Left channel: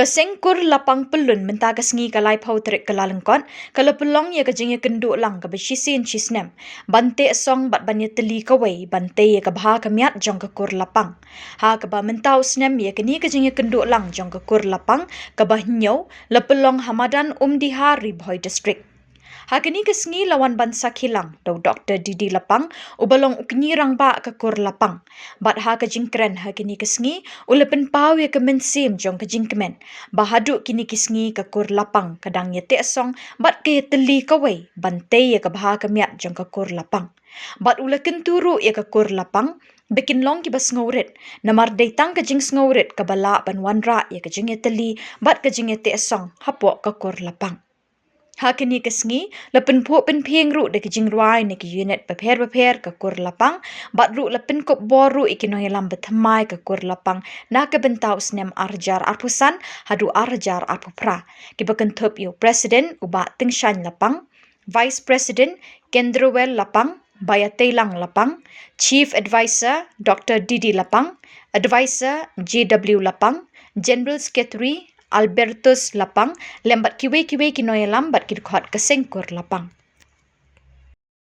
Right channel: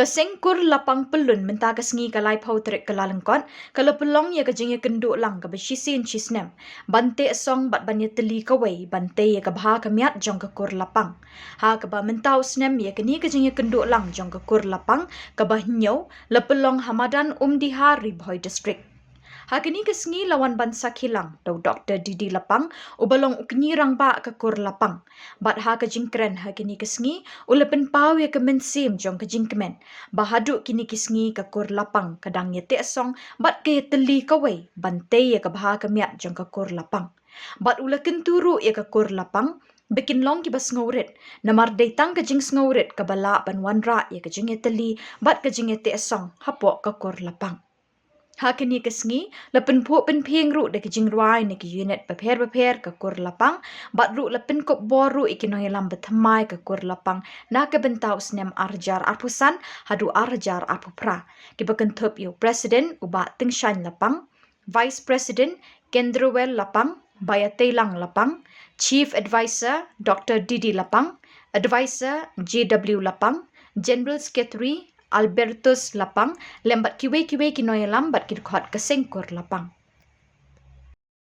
Kasengkur lapang pelun mentaga sengi kalai pau terik kalalengkot, kalau pelong ya kajing ya kenduk lang ka beshisin chisnem. Bante song bat banya teli kawai, bante ya kabha kamiat jong kekur lapang. Ha kaba mentau snem ya kini kajing ya kenduk lang jong kekur lapang, kabah nyau, lepelong Hamadan Umdihari Boy District. Hakini kesengi lawan bansa kilang, tau Dr. Didi Lapang, ubalong ukni rang ba ke kur lapang. Bat ha kejingkren hakini kesengi, ulepen pau ya kemensim jong kejingkemen. Bahaduk kini kesengi ke kur lapang, kadang ya song, bat ke teli kawai, bantai ya kebaha kemiat jong ke kur lapang. Bat ule kenturu ya ke kur lapang, bikin long ki bas ngaurit. Namar datang kejing ngaurit ke bala ban wanra ya kejing ya teli, bat kejing ya song, hapok ke kur lapang. Hakini kesengi, lepen puk pen ping ru de kejing ruai ne ki unit beper ke kur lapang, bat ru lepen kop boru ikino yalam bethamai ke kur lapang, na ke bentau snem arjar arpusan, hadu arjar arpupra. Ki bekentup yu Presiden uba Tingshan Lapang, Vice President Kendrowell Lapang, Bayatelang Lapang, Chief Advisor Dr. Didi Lapang, Advisor JW Lapang, General Secretary Albertus Lapang, lembat kiwe kinoy lambat kidukhat kasengkur lapang.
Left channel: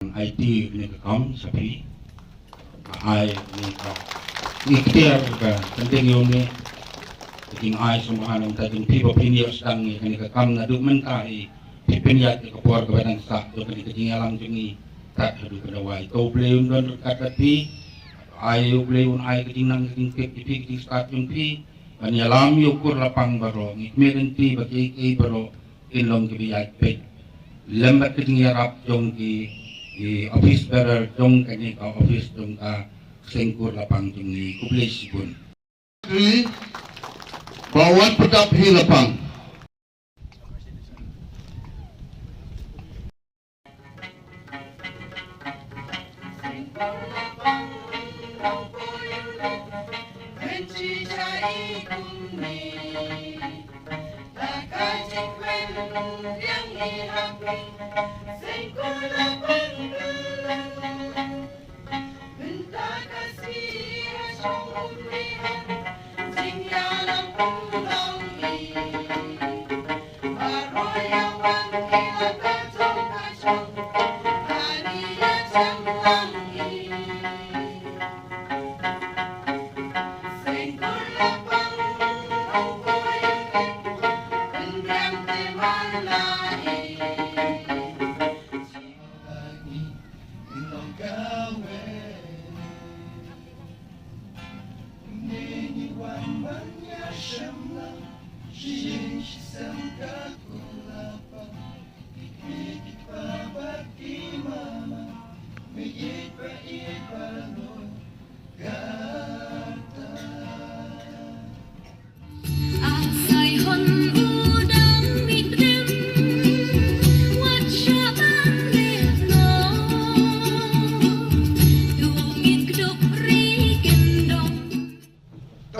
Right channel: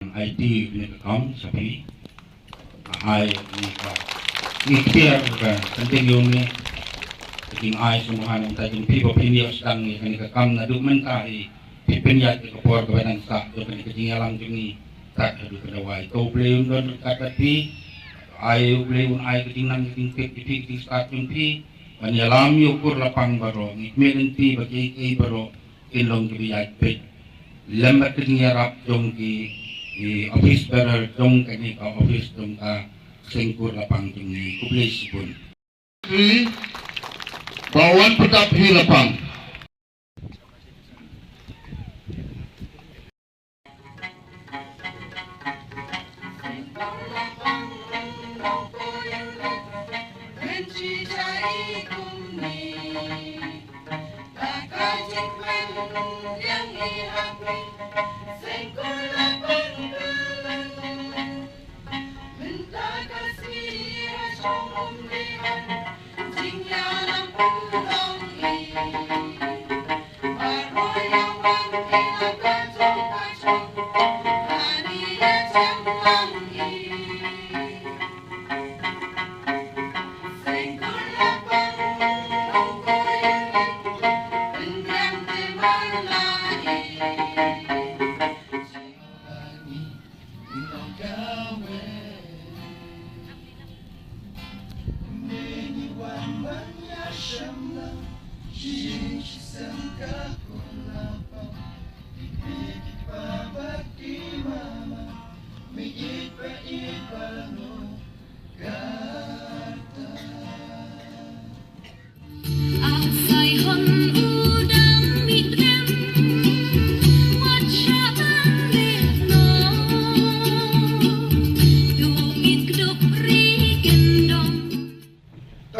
IT ni kam sapi ai ni ikhtiar ka penting yun ni ting ai semua nang tajin pipo pinios tang ni ka kam na dumen kai pipiniat ka por ka badan sa to ka ting alam tingi kat hadu ka dawai ko play don kat pi ai play un ai ting nang ting pi start pi Panyalam yukur lapang baro, ngikmerin ti bagi kay baro ilong kibiyat pet. Lembat ketinggarap dong ki office bearer dong kani ka office dong ka sengkur lapang tingi kublis pun. Bawat petap hi lapang.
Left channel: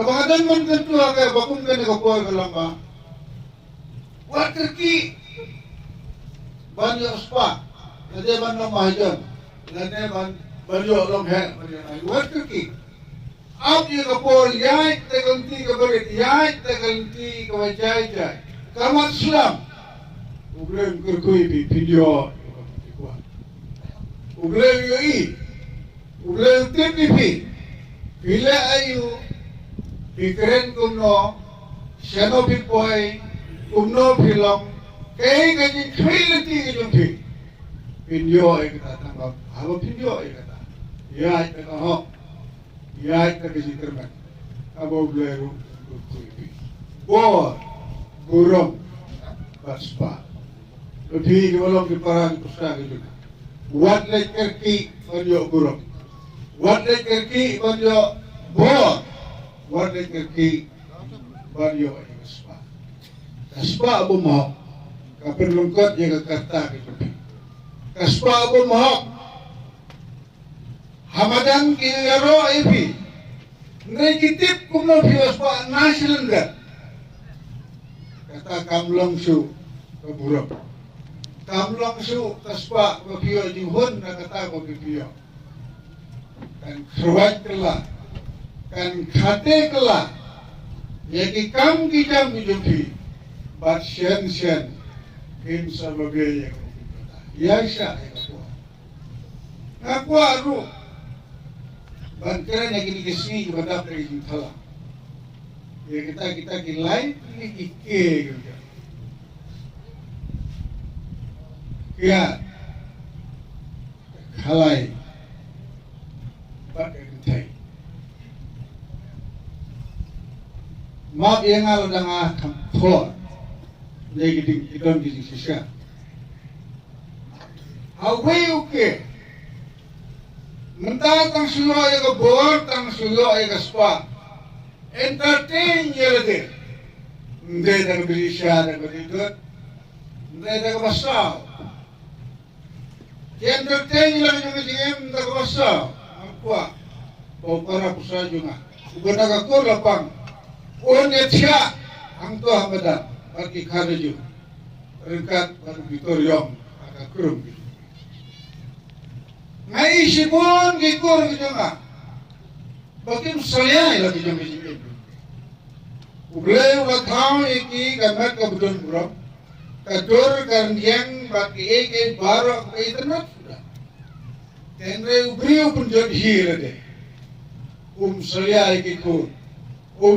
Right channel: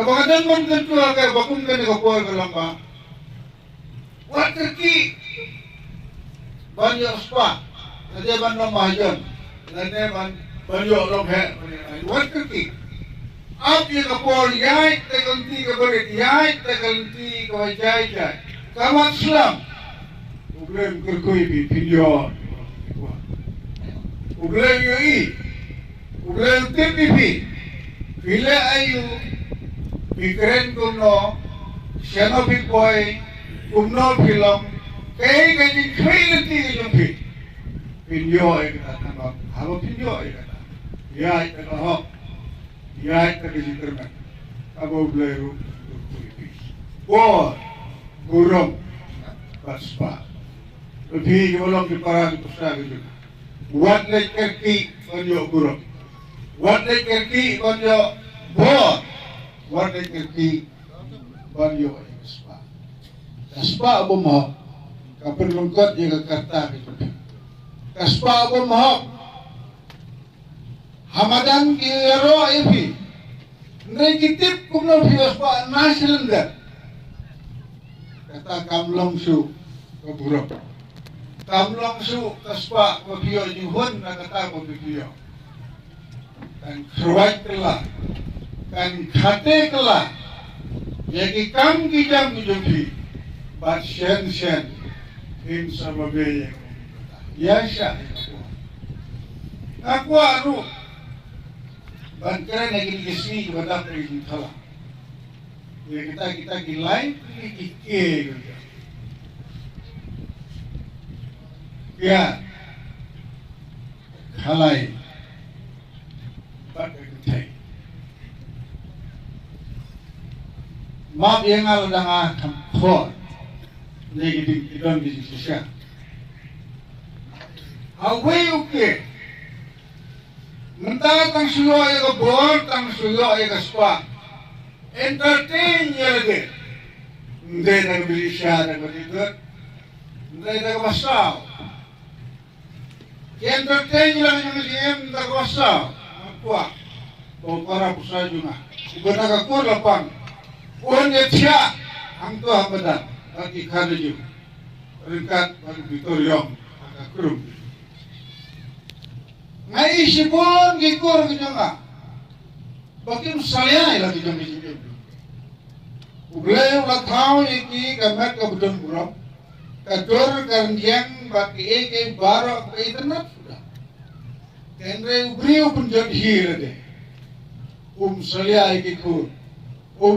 Kadang man ketua ka bakung ka ni kapol ka lang ba? Water ki banyo spa. Nade ban no mahajan. Nade ban banyo no he. Water ki. Ap ye kapol yai teganti ka barit yai teganti ka wajai jai. Kamat Islam. Problem kerkui video. Problem yoi. Problem TPP. Bila ayu Pikirin kuno, siapa pikoi, kuno film, kayak kaji kiri nanti kejumpi, pinjau kita tambah, halo pinjau kita, ya kita ho, ya kita kejitermen, abu beleru, burung, baspa, lebih jauh di parang kusah gitu, buat leki panjau burung, buat leki panjau bor. Warga kaki banyo ay kaspa. Kaspa abo mo, kapin lungkot yung kata gitu. Kaspa abo mo, Hamadan kiro ipi. Negitip kumno kaspa na cylinder. Kata kamlong su kaburo. Kamlong su kaspa kapiyo yuhon na kata kapiyo. Dan suwait kala. Kan khate kala Ya ki kam ki jam ki jumpi. Bat shen him sababe ya sha. Aku aru. Bantara lagi di sini pada pergi thala. Ya kita gilai ki ke. Ya. Halai. Bat pergi. Map yang ada dengan kampur. Lagi di dalam di sisi. Away okay. Mentah tang suyo ay ka bor, tang suyo ay ka spa. Entertain niya lagi. Hindi na bili siya na ganito. Hindi na kawasaw. Entertain niya lang yung naging na kawasaw. Ang kuwa. Bawa para po sa iyo na. Iba nagkakulapang. Unya siya. Ang to hamada. At ikharaju. Ringkat baru Victorium. Akakurum. Ngai sipun gikur gitu nga. Bakim saya lagi dong di sini. Ublay ulah kau iki kamet kabudon bro. Kador kandiang baki eke baro internet sudah. Kendre ubriu pun jadi hira deh. Saya iki kur.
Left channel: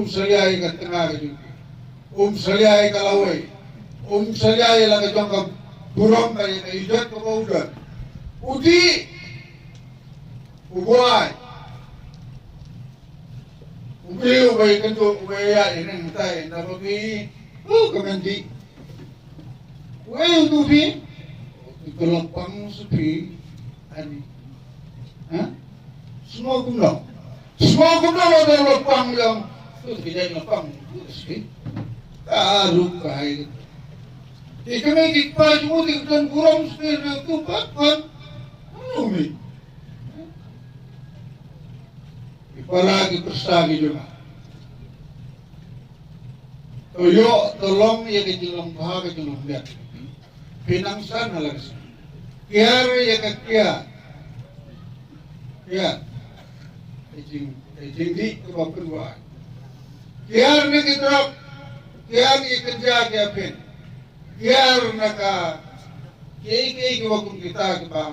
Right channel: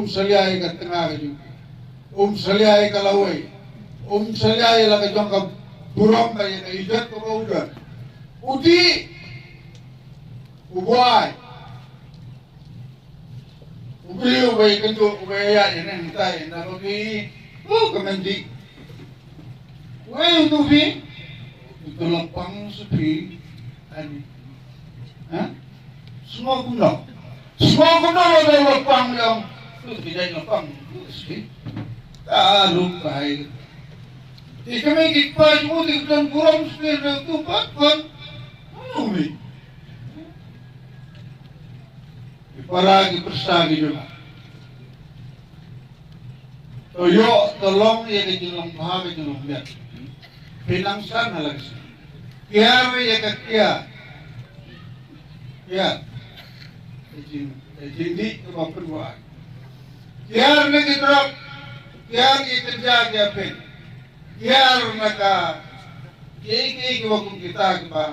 Saya iki tengah itu. Saya iki kalawai. Saya iki lagi jongkap burung kayak idat ke udah. Udi ubuat, ubriu bayi kendo ubaya ini kita ini tapi, kemendi, itu bi, itu lapang sepi, ani, semua guna ada lapang yang, itu tidak lapang, sepi, taruh baik. Kami kita cuma di dalam kurang sepi itu bakwan, umi. Paragi persagi juga. Toyo tolong ya ke jelong bahagia jelong lihat. Pinangsan lagi. Kiar ya ke kiar. Ya. Jadi apa kedua. Kiar ni kita. Kiar ya kerja dia pen. Kiar naka. Kiai waktu kita kita.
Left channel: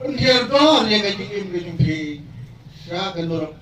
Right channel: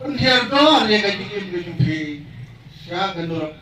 Penkiar doang ya ke jikin jikin. Siya ganun.